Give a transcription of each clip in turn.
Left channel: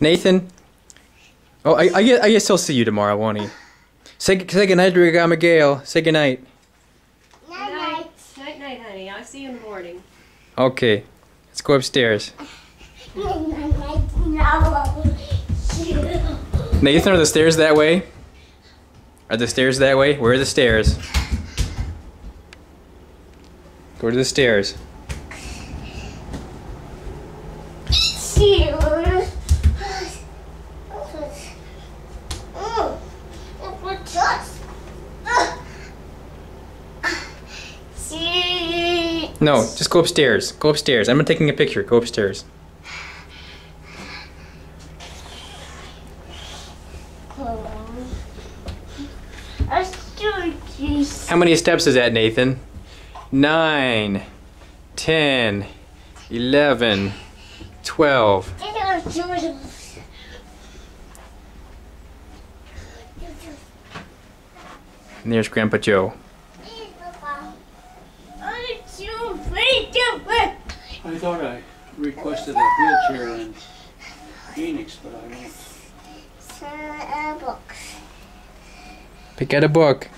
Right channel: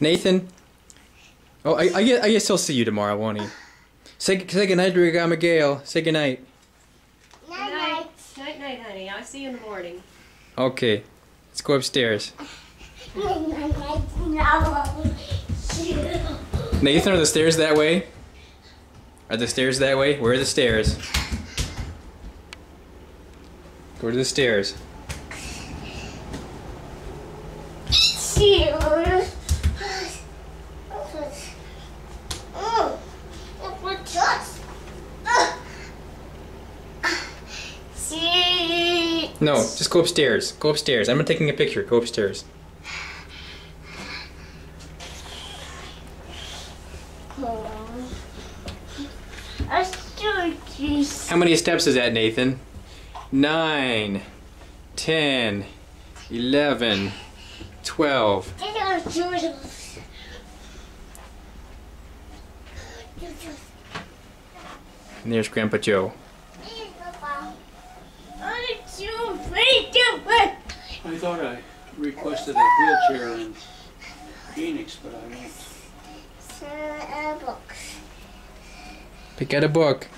Nathan? Oh, I guess he'll see you tomorrow, won't he? Say goodnight to Grandma Gail. Say goodnight. Night night. Night night, honey. I'll see you in the morning. Okay. Let's go upstairs. Nathan, are the stairs that way? Are the stairs that way? Where are the stairs? Go to the stairs. No, just go upstairs. Go upstairs. I'm not taking a picture. Go upstairs. How many steps is that, Nathan? 9, 10, 11, 12. And there's Grandpa Joe. I thought I requested a wheelchair in Phoenix, but I won't. Pick out a book.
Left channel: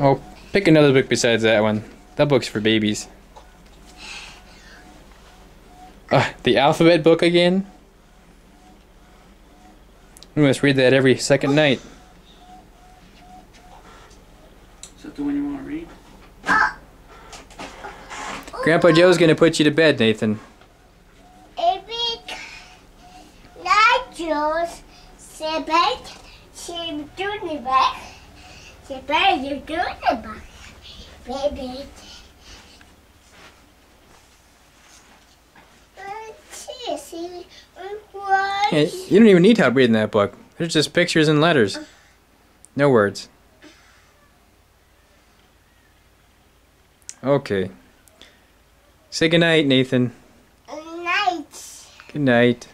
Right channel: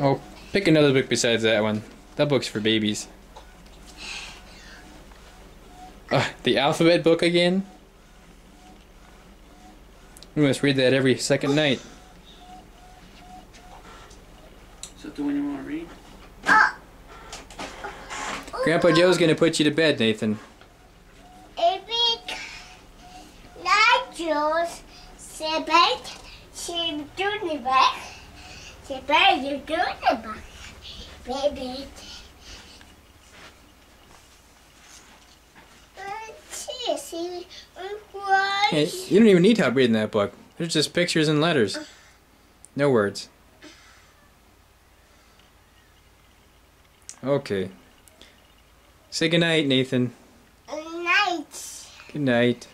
Oh, pick another book besides that one. That book's for babies. The alphabet book again? We must read that every second night. Is that the one you want to read? Grandpa Joe's gonna put you to bed, Nathan. Hey, you don't even need help reading that book. There's just pictures and letters. No words. Okay. Say goodnight, Nathan. Night. Good night.